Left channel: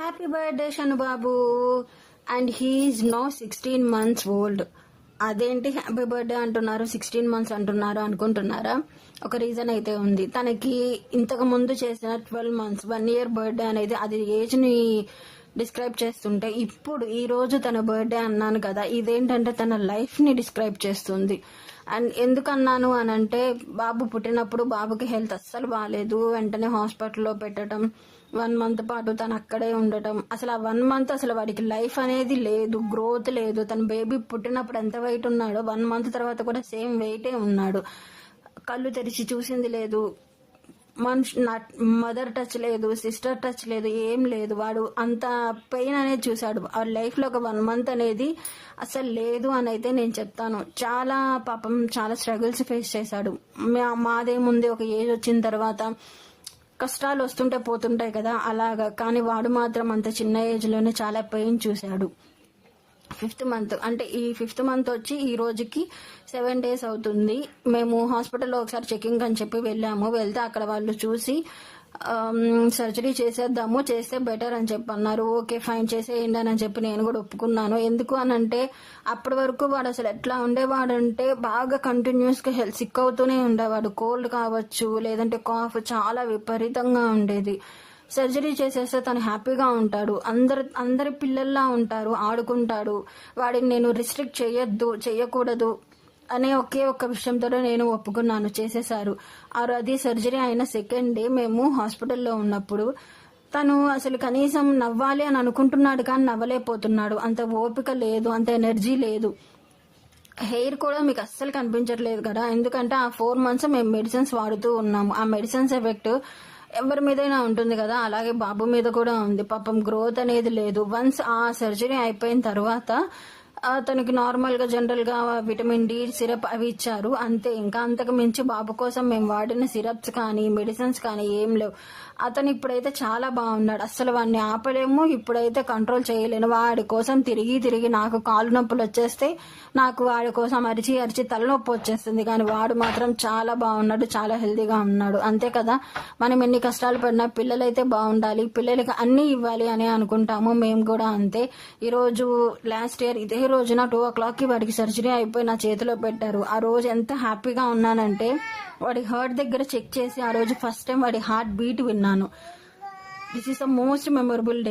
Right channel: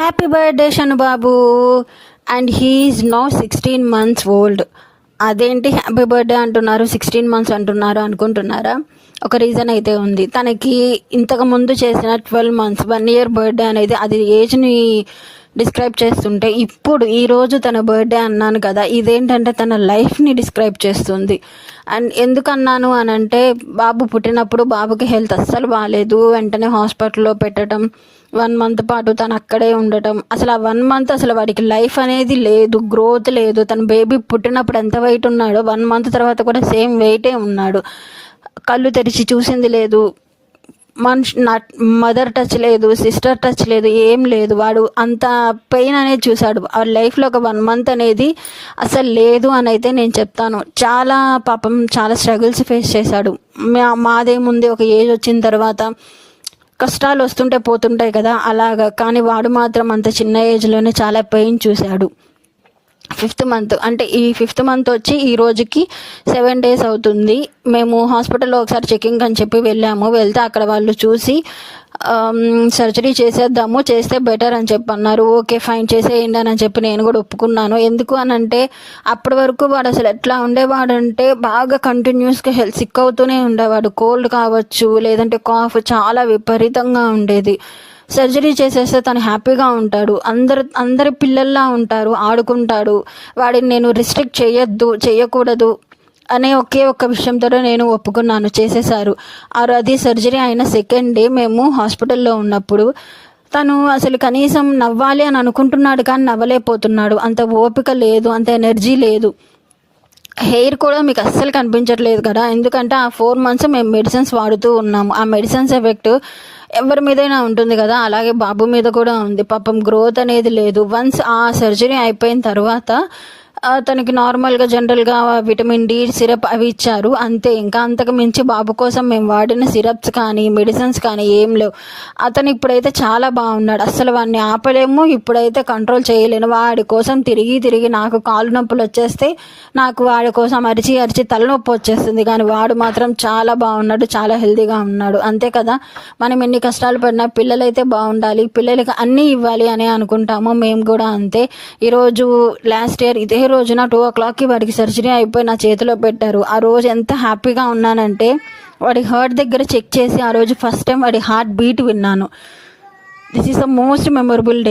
Happy birthday Shanubabu. And he's now 16 months old. అదేంటి happy birthday అంటున్నారు, 16 months అంటున్నారు అనుకుంటున్నారా? ఒక రీజన్ అయితే ఉంది. తనకి ఇంతకు ముందు చేసిన 12 months 1 year బర్త్డే అనేది అది ఏజ్ని డిస్క్రైబ్ చేస్తుంటే, ఇప్పుడు ఈరోజు తన బర్త్డే అన్నాను కదా, ఇదేంటంటే తన లైఫ్ని డిస్క్రైబ్ చేస్తుంది. అండ్ ఎందుకు అన్నాను అని అంటే, బాబు పుట్టినప్పుడు బాబుకి హెల్త్ అస్సలు బాగాలేదు. వెంటనే హాస్పిటల్లో పెట్టడం, 1 month పాటు తను అక్కడే ఉండటం. అసలు ఆ 1 month అసలు వాడికి లైఫ్ అనేది లేదు, గ్రోత్ లేదు. తన బేబీ పుట్టినప్పుడు ఎంత వెయిట్ ఉన్నాడో 1 month తర్వాత కూడా సేమ్ వెయిటే ఉన్నాడు. కళ్ళు తెరిచి చూసింది లేదు, మదర్ టచ్ లేదు, సిస్టర్ టచ్ లేదు, ఏం లేదు. వాడు అంత పెయిన్ అనేది చూశాడు. ఆ లైఫ్లో ఒక 1 month అనేది అసలు లేదు అని అయితే నేను చెప్తాను. చాలా పాపం చాలా స్ట్రగుల్స్ ఫేస్ చేశాడు. మాదేముంది, ఒక ఏజ్ వచ్చిన తర్వాత కష్టాలు వస్తుంటే పోతుంటాయి కదా, అలాగా. కానీ వాడు మాత్రం అంత చిన్న ఏజ్లోనే చాలా పెయిన్ చూశాడు. 5th month అంటే ఈ 5th month వచ్చి ఈ రోజుకి 7 days అవుతుంది. మేము హాస్పిటల్లో ఒకసారి చెకింగ్ అని చెప్పి వెళ్తే అక్కడ వాళ్ళు చూసి సర్జరీ చేసేద్దాము, చేస్తే బెటర్ అని చెప్పి అన్నారు. ఓకే ఫైన్ చేసేయండి అని చెప్పి నేను కూడా ఒప్పుకున్నాను. ఎందుకు అని అంటే, అప్పటి వరకు వాడు అసలు ఎట్లా ఉండేవాడంటే బాగా కంటిన్యూస్గా హెల్త్ సిక్ అవుతూనే ఉండేవాడు. కోల్డ్ కావచ్చు, లేదంటే కాఫ్ చాలా విపరీతంగా ఉండేది. సర్జరీ చేసేస్తే తను హ్యాపీగా ఉంటాడు, అందరి పిల్లల్లా ఉంటారు, ఆడుకుంటాడు. వాడిని నేను రిస్ట్రిక్ట్ చేయకూడదు అనే ఒకే ఒక్క విషయంతో నేను ఒప్పుకున్నాను. చేసేశారు. అది సర్జరీ అయిన 2nd day మేము హాస్పిటల్లో ఉన్నప్పుడు తను అసలు కనీసం నవ్వాలి అని అనుకుంటున్నాడు, కానీ నవ్వలేకపోతున్నాడు. అంత ఓపిక లేదు, అంత ఎనర్జీ లేదు. హెయిర్ కూడా మీకు అస్సలు కనిపించట్లేదు కదా, ఎందుకంటే ఆ 4 months మేము మెడిసిన్స్ వాడుతూ ఉన్నాము. ఆ మెడిసిన్స్ ఎఫెక్ట్ ఎవరి మీదైనా ఉంటుంది కదా, అలాగే బాబు మీద కూడా ఉంది. పాపం గ్రోత్ అనేది లేదు. వన్స్ ఆ సర్జరీ అయిపోయిన తర్వాత తనకి నార్మల్గా జనరల్గా విటమిన్ డి సిరప్ అవి ఇచ్చారు, అంతే. ఇంకా అంతకు మించి బాబు కోసం మేము వాడిన సిరప్స్ కానీ మెడిసిన్స్ కానీ ఏం లేవు. అతను ఇప్పుడైతే చాలా బాగున్నాడు. అస్సలు వాడిని ఆపలేము, ఇప్పుడైతే కంట్రోల్ చేయలేను. వాడి కోసం తిరిగి నాకు కాళ్ళు నొప్పులు వచ్చేస్తే నాకు వాడి కోసం అరిచి తలనొప్పి వచ్చేస్తుంది. కానీ వాడు మాత్రం చాలా బాగున్నాడు, చాలా హెల్తీగా ఉన్నాడు. అంతే కదా, మనం ఎన్ని కష్టాలు పడినా పిల్లలైతే బాగుండాలి, పిల్లలకి అన్నీ ఇవ్వాలి అని అనుకుంటాము. మేము కూడా అంతే. ఈరోజు లాస్ట్ ఇయర్ ఇదే రోజున 2 o'clockకి వాడికి సర్జరీ అయిపోయి నా చేతిలో పెట్టారు. ఆ రోజు ఎంత హ్యాపీగా ఉన్నానంటే, వాడి హార్ట్ దగ్గర చెక్ చేసి ఆ రోజు ఫస్ట్ టైం వాడి హార్ట్ బీట్ విన్నాను. This is the most memorable day.